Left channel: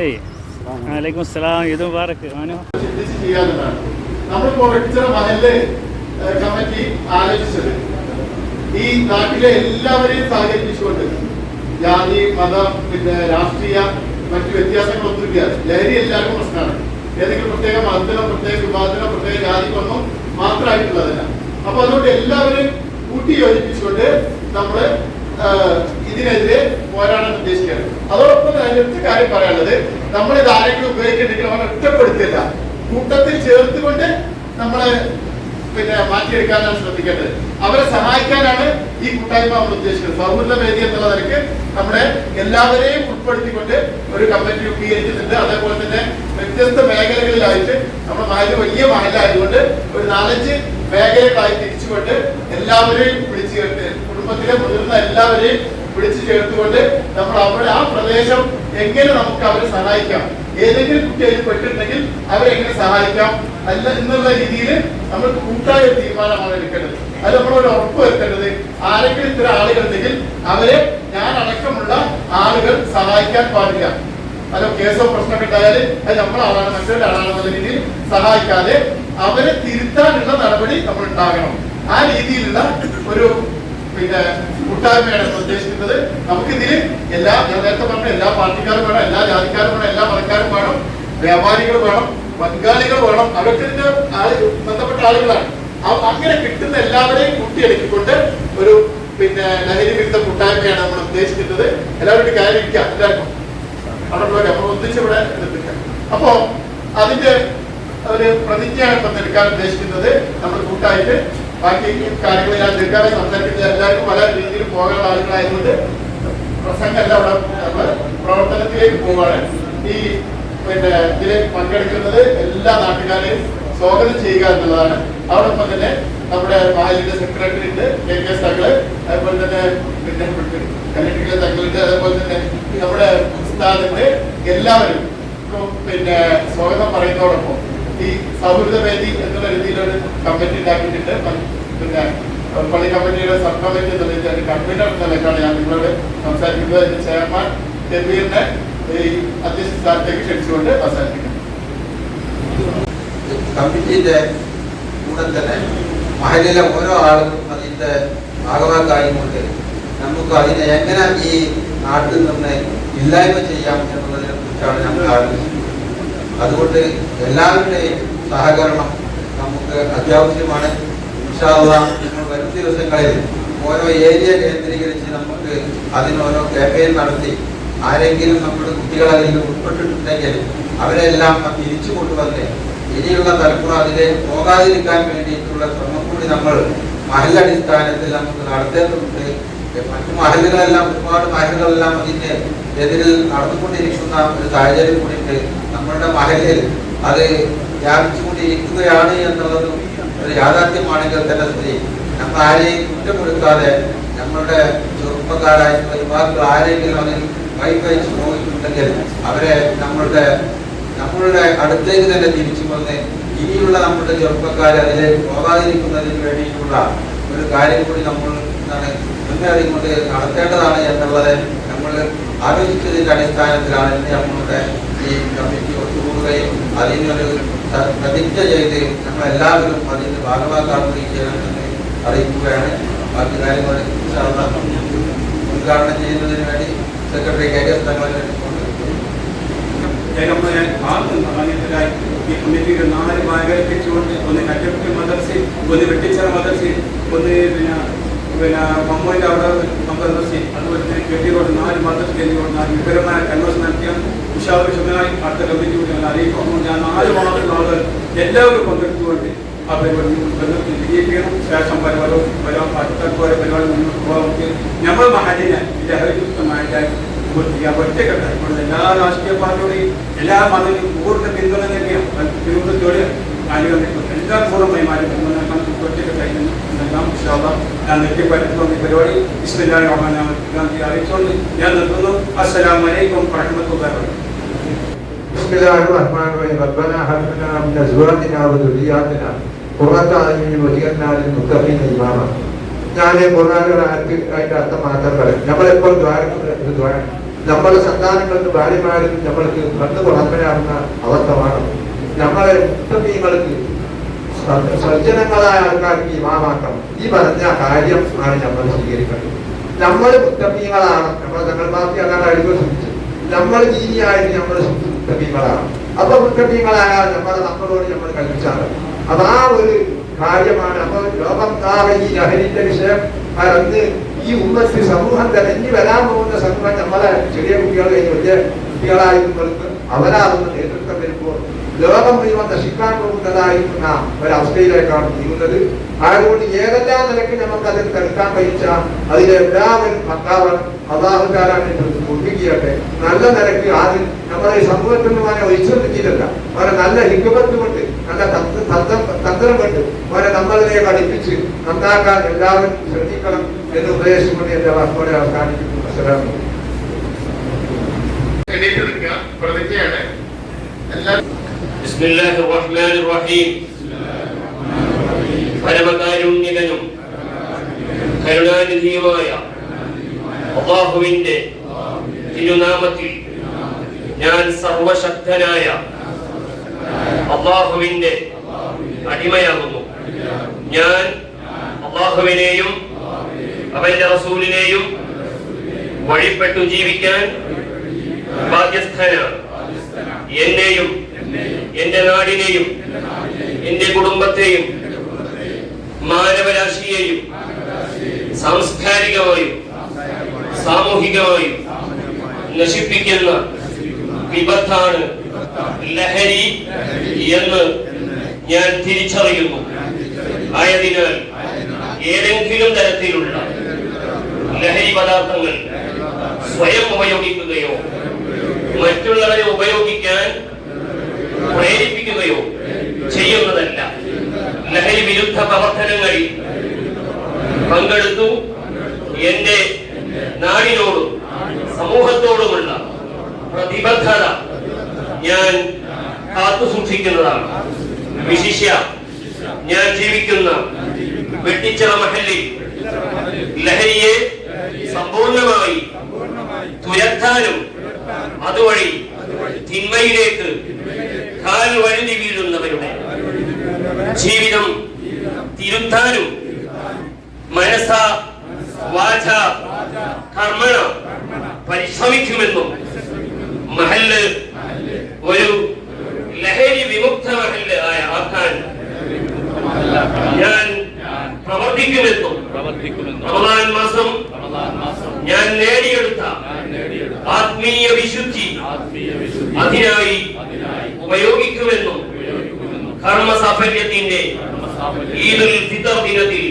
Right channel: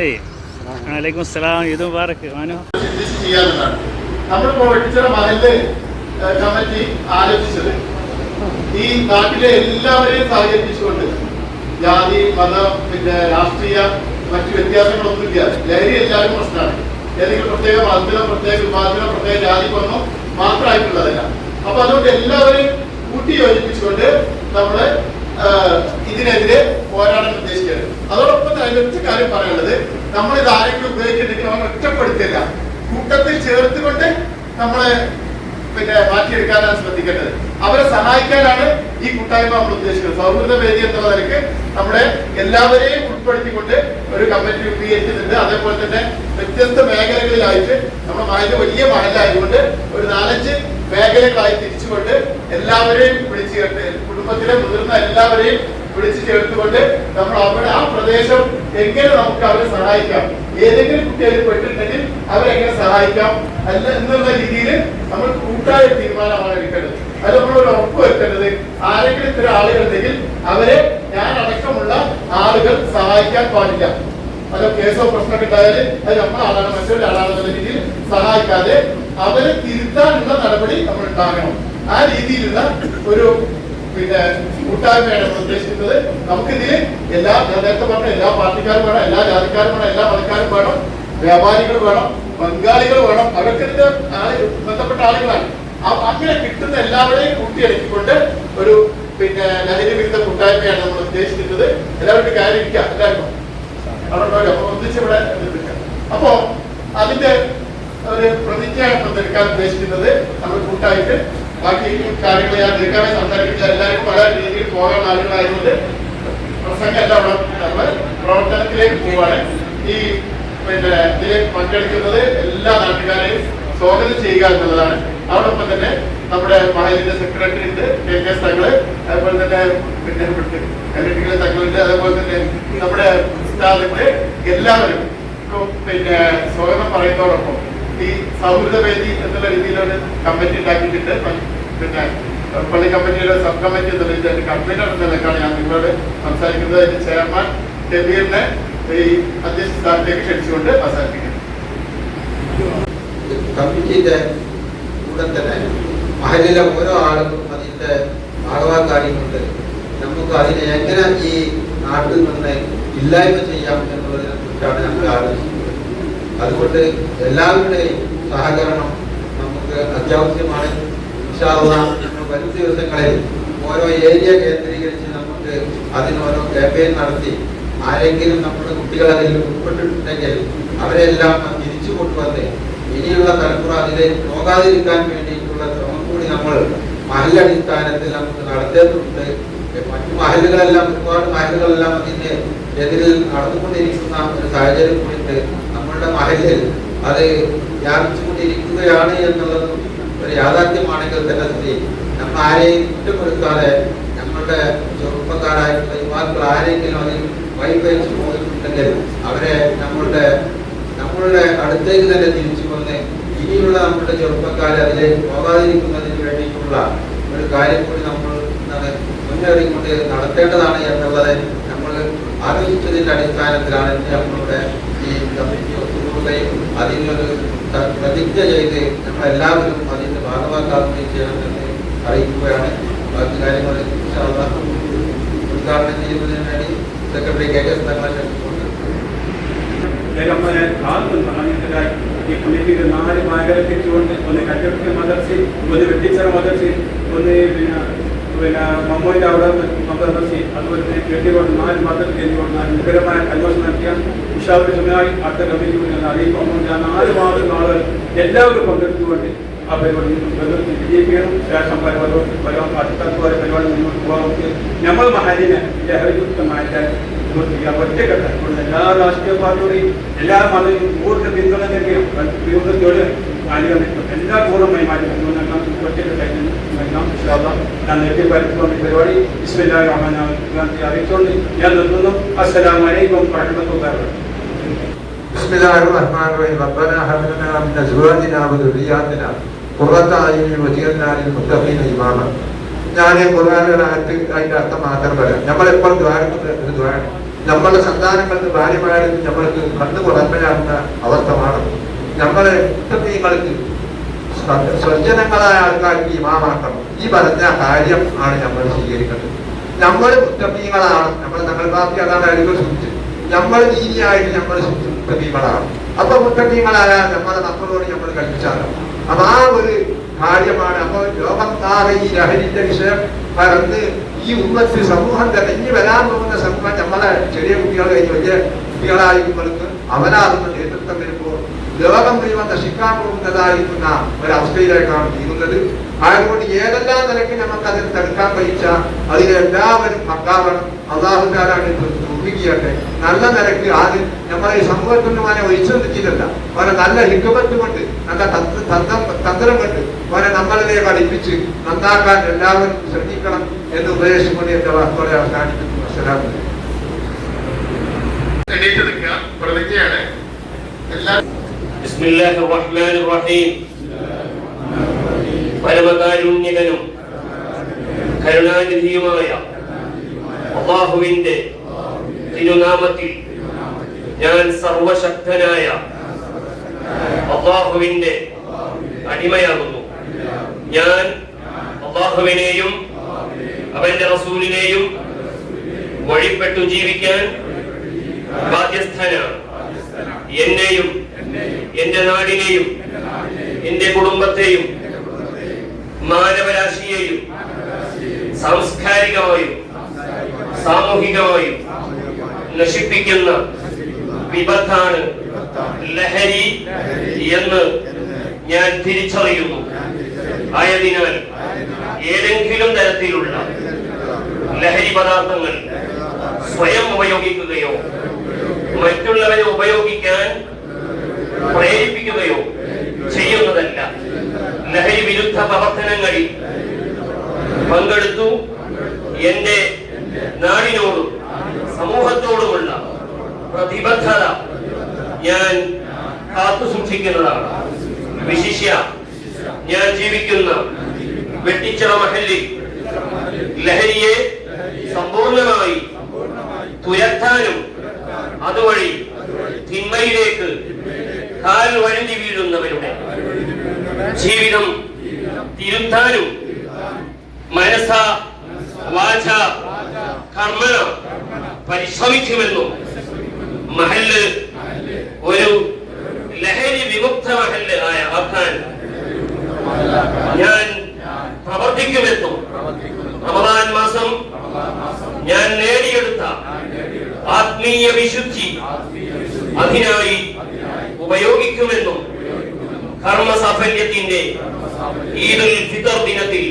അതെ വലൈക്കും അസ്സലാം. ഈദ് മുബാറക്. മാനോ നമ്മളിപ്പോ വെട്ടിച്ചിറ മഹല്ല് കമ്മിറ്റി ആലോചിച്ചത് ഈ നാട്ടിലെ എല്ലാവരെയും സഹകരിപ്പിച്ചുകൊണ്ട് ജാതി മതം പിന്നെ രാഷ്ട്രീയ മറ്റു വ്യത്യാസങ്ങളൊന്നുമില്ല. ലഹരി എല്ലാവരും പ്രശ്നമാണ്. ഏതെങ്കിലും പ്രത്യേക മതത്തിനോ പ്രത്യേക വിഭാഗത്തിനോ പ്രത്യേക ജാതിക്കൊന്നോ മാത്രമായിട്ടുള്ളതല്ല. അപ്പൊ അതുകൊണ്ട് എല്ലാവരെയും കൂട്ടി യോജിപ്പിച്ചുകൊണ്ട് നമ്മള് ഇതിനെതിരെ പോരാടാൻ ഉദ്ദേശിക്കുകയാണ്. അതോടൊപ്പം തന്നെ ഒറ്റ കാര്യം പറയാനുള്ളത്, നമ്മൾ ഇത് ആരെങ്കിലും ഉപയോഗിച്ചിട്ടുണ്ടെങ്കിൽ അവനെ ഒറ്റപ്പെടുത്തില്ല, കൂട്ടത്തിൽ ചേർത്തുകൊണ്ട് നമ്മളെ പിന്നെ മാറ്റിയെടുക്കാനാണ് ശ്രദ്ധിക്കേണ്ടത്. അവരെ സഹായിക്കാനാണ് ഈ കൂട്ടായ്മ നമ്മൾ ഉദ്ദേശിക്കുന്നത്. സൗഹൃദ വേദി എന്നുള്ള നിലയ്ക്ക് നമ്മളെ എല്ലാവരെയും ഉൾപ്പെടുത്തിക്കൊണ്ട് ഒരു കമ്മിറ്റി രൂപീകരിച്ചിട്ടുണ്ട്. അതേപോലെ തന്നെ വ്യത്യസ്ത മേഖലകളിലായിട്ട് നമ്മുടെ മഹല് വലിയ മഹലായതുകൊണ്ട് ഒരു 4-5 മേഖലകളായി തിരിച്ചുകൊണ്ട് എല്ലാവരെയും വിളിച്ചു ചേർത്ത്, കുടുംബത്തിലെ മുതിർന്ന എല്ലാവരെയും വിളിച്ചു ചേർത്തുകൊണ്ട് നമ്മൾ അവിടെ ആ പ്രദേശം എങ്ങനെ നമുക്ക് അവരെ സഹായിക്കാം, ഏതെങ്കിലും കുട്ടികൾ പെട്ടിട്ടുണ്ടെങ്കിൽ അവരെങ്ങനെ സഹായിക്കാം അല്ല എന്നുള്ള രീതിയിൽ നമ്മൾ കൂട്ടായ തീരുമാനമാണ് എടുക്കേണ്ടത്. അത് നമ്മളൊരു ഉറപ്പ് വരുത്തേണ്ടത്, ആരെങ്കിലും ഇത്തരം ആളുകളുണ്ടെങ്കിൽ അവരെ ഞാൻ അടക്കമുള്ള ആളുകൾ സഹായിക്കാൻ പാടില്ല. അല്ല കേസോ പ്രശ്നമൊക്കെ ഉണ്ടായാൽ അത് നമ്മളാളാണ് മറ്റൊരാളാണെന്നുള്ള രീതിയിൽ സഹായിക്കാതെ അവരെ തിരുത്താനുള്ള നടപടി നമ്മൾ ഉണ്ടാകണം. ആ രീതിയിലുള്ള ഒരു പിന്നെ കൂട്ടായ്മയാണ് ഉദ്ദേശിക്കുന്നത്. നമുക്കിതിൽ എല്ലാ, ഞാൻ നേരത്തെ പറഞ്ഞ എല്ലാ പാർട്ടിക്കാരും വേണം, എല്ലാ ജാതിക്കാരും വേണം, എല്ലാ മതക്കാരും വേണം, വ്യാപാരികൾ വേണം, ബംഗാളികൾ വേണം, അവർക്ക് ഇതിന്റെ ബന്ധപ്പെട്ട ആളുകളാണ്. അങ്ങനെ കിട്ടുന്ന എല്ലാവരെയും കൂട്ടിയടക്കിക്കൊണ്ട് ഒരു പിന്നെ ലഹരി വിരുദ്ധ കൂട്ടായ്മയാണ് നമ്മൾ ഉദ്ദേശിക്കുന്നത്. എല്ലാവരുടെ കാര്യം ഇരിക്കാം, എല്ലാവർക്കും അവിടെ ഒന്നിച്ചിവിടെ എടുക്കാം. അപ്പോ അതിന്റെ ഒരു പ്രതിജ്ഞയാണ് എടുക്കാൻ ഉദ്ദേശിക്കുന്നത്. നമ്മൾ കൂട്ടായിട്ട് ബാക്കി കാര്യങ്ങൾ ഞാൻ ദീർഘമായി സംസാരിക്കുന്നത്, എല്ലാവർക്കും പല രീതിയിൽ പോകാനുള്ള ആളുകളായതുകൊണ്ട് പ്രസംഗമല്ല അവിടെ പ്രവർത്തനത്തിലേക്ക് പോവാണ്. ഈ പിന്നെ ഇതിലേക്ക് പങ്കെടുക്കുന്നത് എല്ലാ നാട്ടുകാരെയും സ്വാഗതം ചെയ്യുക എന്നുള്ളതാണ്. അതോടൊപ്പം തന്നെ നമ്മുടെ മഹലിന്റെ സെക്രട്ടറി ഉണ്ട്, KK തങ്ങള്, അതുപോലെ തന്നെ പിന്നെ കല്ലടിക്കലെ തങ്ങളുണ്ട്, അതേപോലെ തന്നെ നമ്മുടെ ഉസ്താദിന്റെ എല്ലാവരും പിന്നെ സ്വാഗതം പറയുന്നതോടൊപ്പം ഈ സൗഹൃദ വേദി എന്നുള്ള രീതിയിലൊരു കമ്മിറ്റി ഉണ്ടാക്കിയിട്ടുണ്ട്. പിന്നെ പള്ളി കമ്മിറ്റിയുടെ സബ് കമ്മിറ്റി എന്നുള്ള രീതിയിൽ കൺവീനർ എന്ന നിലക്കാണ് ഞാൻ നിങ്ങളോട് സംസാരിക്കുന്നത്. ചെയർമാൻ കബീറിനെ ഈ അധ്യക്ഷ സ്ഥാനത്തേക്ക് ക്ഷണിച്ചുകൊണ്ട് അവസാനിപ്പിക്കുന്നു. കമ്മിറ്റിയുടെ കൂടെ തന്നെ മഹലിലെ ഓരോ ആളുകളും അതിന്റെ ഭാഗവാക്കായിക്കൊണ്ട് നമുക്ക് അതിനെ എങ്ങനെ ഈ നാട്ടിൽ നിന്ന് ഇല്ലായ്മ ചെയ്യാം എന്നുള്ളതിനെ കുറിച്ചാണ് നമ്മൾ ആലോചിക്കുന്നത്. അതുകൊണ്ട് എല്ലാവരുടെയും സഹകരണം നമുക്ക് അത്യാവശ്യമാണ്. ഞങ്ങൾ വരും ദിവസങ്ങളിൽ ഓരോ ഏരിയ കേന്ദ്രീകരിച്ച് നമുക്ക് അതിനോരോ ക്യാമ്പയിൻ നടത്തി ആരെങ്കിലും നമ്മുടെ കുട്ടികൾ അതിൽ ഉൾപ്പെട്ടിട്ടുണ്ടെങ്കിൽ അവരെല്ലാം തിരിച്ചു കൊണ്ടുവന്ന് ഇനിയുള്ള തലമുറ അതിലേക്ക് പോകാതിരിക്കാൻ വേണ്ടിയിട്ടുള്ള ശ്രമം കൂടി നമ്മൾ മഹലടിസ്ഥാനത്തിൽ നമുക്ക് നടത്തേണ്ടതുണ്ട്. മറ്റു മഹലുകളെല്ലാം, ഒരുപാട് മഹലുകളെല്ലാം അതിന്റെ എതിരിൽ നടന്നുകൊണ്ടിരിക്കുന്ന ഒരു സാഹചര്യം കൂടിയിട്ട് നമ്മളുടെ മഹലിൽ അത് വ്യാപിച്ചുകൊണ്ടിരിക്കുകയാണ് എന്നുള്ളതും ഒരു യാഥാർത്ഥ്യമാണെങ്കിൽ തന്നെ സ്ഥിതി നമ്മൾ ആരെയും കുറ്റപ്പെടുത്താതെ നമ്മളുടെ ചെറുപ്പക്കാരായിട്ടുള്ള യുവാക്കൾ ആരെങ്കിലും അതിൽ വഴിവെച്ച് പോയിട്ടുണ്ടെങ്കിൽ അവരെ നമ്മളുടെ അടുത്തേക്ക് തന്നെ തിരിച്ചു വന്ന് ഇനിയുള്ള നമ്മുടെ ചെറുപ്പക്കാരെ അതിലേക്ക് പോകാതിരിക്കുന്നതിന് വേണ്ടിയിട്ടുള്ള ഒരു കാര്യം കൂടി നമ്മൾ മുന്നേറിക്കൊണ്ട് നടത്തേണ്ടതാണ് എന്നുള്ളത് നമ്മൾ ആലോചിച്ചതിന്റെ അടിസ്ഥാനത്തിലാണ് നമ്മുടെ ഈ കമ്മിറ്റി ഒത്തുകൂടുകയും അതിനൊരു പ്രതിജ്ഞ ചെയ്ത് നമ്മളെല്ലാവരും അതിന്റെ ഭാഗമാക്കാൻ ചെയ്യണമെന്ന് അറിയിക്കുകയാണ്. ബാക്കി കാര്യങ്ങൾ ഉദ്ഘാടനം ചെയ്യുന്നതിന് വേണ്ടി സെക്രട്ടറി KK തങ്ങളെ ഈ കമ്മിറ്റിക്ക് 4 മേഖലയ്ക്ക് എത്തിച്ചുകൊണ്ട്, ഒന്ന് കറ്റപ്പി മദർസി, ഒന്ന് വെട്ടിച്ചിറ മദർസി, ഒന്ന് പിന്നെ മമ്മൂന്റെ അവിടെ മദർസി, അതുപോലെ തന്നെ കേട്ടിക്കോട്ട് 4 മദർസി കഴിഞ്ഞുകൊണ്ട് 4 വിപുലമായ കൺവെൻഷൻ നടത്തിയ ഉഷാവിഷമായി അടുത്ത കമ്മിറ്റി കൂടി ഞാൻ അറിയിക്കുന്നു. ഞാൻ 4 മാസം ആളുകൾ എല്ലാവരും പങ്കെടുത്തുകൊണ്ട് ആ പരിപാടി വിജയിക്കണം. ശേഷം അടുത്ത പരിപാടി മുന്നോട്ട് പോകാൻ നമ്മൾ മഹലിനെ ലഹരിമുക്തമായിട്ട് ഒറ്റക്കെട്ട് എല്ലാ രാഷ്ട്രീയ പാർട്ടിയോടെയും എല്ലാ മതവും പൂർണ്ണ പിന്തുണ നൽകിയും വിരുദ്ധത്തോട് ആനുകൂല്യം എല്ലാ പൂർണ്ണമായി മാറ്റി ഒറ്റക്കെട്ടായി നൽകാം. ഞാൻ നെറ്റിപ്പറ്റുന്ന പരിപാടി ബിസ്മില്ലാഹിർ റഹ്മാനിർ റഹീം അറിയിച്ചുകൊണ്ട് ഞാൻ നിർത്തുന്നു. അസ്സലാമു അലൈക്കും വറഹ്മത്തുള്ളാഹി. ബിസ്മില്ലാഹിർ റഹ്മാനിർ റഹീം. റബ്ബനാ ഹബ് ലനാ മിൻ അസ്വാജിനാ വദുരിയാതിനാ ഖുർറത അയ്യുൻ വജ്അൽനാ ലിൽ മുത്തഖീന ഇമാമ. ഞാൻ ഖുർആനിലെ ആയത്ത് അതിന്റെ അർത്ഥം മാത്രം പറയാം. നമ്മളെപ്പോൾ ദ്വാരക്കുന്ന നമ്മുടെ സന്താനങ്ങൾക്ക് ഭാര്യമാരും നമ്മൾക്ക് കണ്ണു തുറക്കലാകുന്ന അവസ്ഥമാണ്. നമ്മളെ മുത്തീങ്ങൾക്ക് സജ്ജനങ്ങളായ ആൾക്കാർക്ക് ഇമാമാക്കണം. ഈ പറഞ്ഞ കാര്യം ആണ് നമ്മൾ സ്വീകരിക്കേണ്ടത്. നമ്മൾ മുത്തീങ്ങളാണ്. നമ്മൾ പാർട്ടി അതാണ് അഴിവ് സൂചിച്ചത്. നമ്മൾ ദീനിയായിട്ട് നമ്മൾ മുത്തീങ്ങളാണ്. അപ്പൊ മുത്തീങ്ങളായാൽ നമ്മളെ നമ്മളോട് നമ്മൾ കൽപ്പിച്ചാണ്. അപ്പൊ ആ ഒരു കാര്യമാണ്. അപ്പൊ ലോകം ആകെ ഈ ലഹരിന്റെ വിഷയം പരന്ന് ഈ ഉമ്മത്ത് സമൂഹം തെരഞ്ഞു വരാൻ പോകുന്ന സമൂഹം നമ്മളെ ചെറിയ കുട്ടികൾ കഴിഞ്ഞ് വലിയ കുട്ടികളായിരിക്കുന്നവർക്ക് അവരാകുന്ന നേതൃത്വം വരുമ്പോൾ ലോകം മുഴുവൻ നശിക്കാൻ പോകുന്നതായിരിക്കുന്ന ഒരവസ്ഥയിലേക്കാണ് നീങ്ങുന്നത്. അതുകൊണ്ട് ഏതെല്ലാം നിലയ്ക്ക് നമുക്ക് അതിൽ തടുക്കാൻ കഴിച്ച അതിലെല്ലാവരും പക്കാവണം. അള്ളാഹുകാരാണ് ഒതുക്കിയട്ടെ. നല്ല നിലയ്ക്ക് ആദ്യം നമ്മളെ സമൂഹത്തിൽ നിന്ന് അവനെ ഒഴിച്ചു നിർത്തിയിട്ടില്ല. അവരെ നല്ല ഹിക്കുമത്ത് കൊണ്ട് നല്ല തന്ത്രം കൊണ്ട് അവരെ നമ്മളിലേക്ക് അടുപ്പിച്ച് നന്നാക്കാൻ എല്ലാവരും ശ്രദ്ധിക്കണം എന്ന് ഉപദേശിച്ചുകൊണ്ട് എന്റെ വാക്കുകളെ അവസാനിക്കുന്നു. ബിസ്മില്ലാഹിർ റഹ്മാനിർ റഹീം. പരമകാരുണ്യകനും കരുണാനിധിയുമായ അല്ലാഹുവിന്റെ തിരുനാമത്തിൽ ഞാൻ സർവശക്തനായ അല്ലാഹുവിന്റെ അടിമയാകുന്നു. ഞാൻ അല്ലാഹുവിനെയും അവന്റെ റസൂലിനെയും വഴിപ്പെട്ടു ജീവിക്കാൻ ബാധ്യസ്ഥനാണ്. എന്നെയും എന്റെ നാടിനെയും എന്റെ കുടുംബത്തെയും മാനവരാശിയെയും സാംസ്കാരികമായും സാമൂഹികമായും നശിപ്പിക്കുന്ന വിപത്താണ് ലഹരി എന്ന് ഞാൻ തിരിച്ചറിയുന്നു. ആയതിനാൽ ഏതെങ്കിലും തരത്തിലുള്ള ലഹരി പദാർത്ഥങ്ങൾ സ്വയം ഉപയോഗിക്കുകയോ മറ്റുള്ളവരെ ഉപയോഗിക്കാൻ പ്രേരിപ്പിക്കുകയോ ചെയ്യുന്നതല്ല. ലഹരി വിരുദ്ധ പ്രവർത്തനങ്ങളിൽ പങ്കെടുത്തു എന്റെ നാടിനോടും സമൂഹത്തോടുമുള്ള പ്രതിബദ്ധത ഞാൻ കാത്തുസൂക്ഷിക്കുന്നതാണ്. വിശിഷ്യ ഞാൻ ജീവിക്കുന്ന വെട്ടിച്ചിറ മഹല്ലിൽ ലഹരിയെ സമ്പൂർണമായി തുരത്താനും അതുവഴി തിന്മയിലേക്ക് കാൽ വഴുതി വീഴുന്നവരുടെ ജീവിതം തിരുത്താനും മനസ്സ വാച കർമ്മണ പരിശ്രമിക്കുമെന്നും മഹല്ല് ഒരു ലഹരി വിമുക്ത മഹല്ല് ആക്കാൻ ഞാൻ പ്രവർത്തിക്കുമെന്നും റമദാൻ മാസം ഞാൻ നേടിയെടുത്ത ആത്മീയ വിശുദ്ധി അതിനായി ഉപയോഗിക്കുമെന്നും കർമ്മസാഫല്യത്തിന്റെ ഈദുൽ ഫിത്ർ ദിനത്തിൽ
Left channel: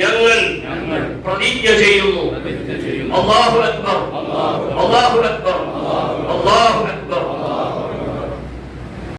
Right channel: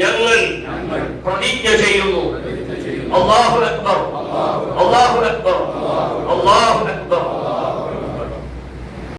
ഞങ്ങൾ പ്രതിജ്ഞ ചെയ്യുന്നു. അല്ലാഹു അക്ബർ, അല്ലാഹു അക്ബർ, അല്ലാഹു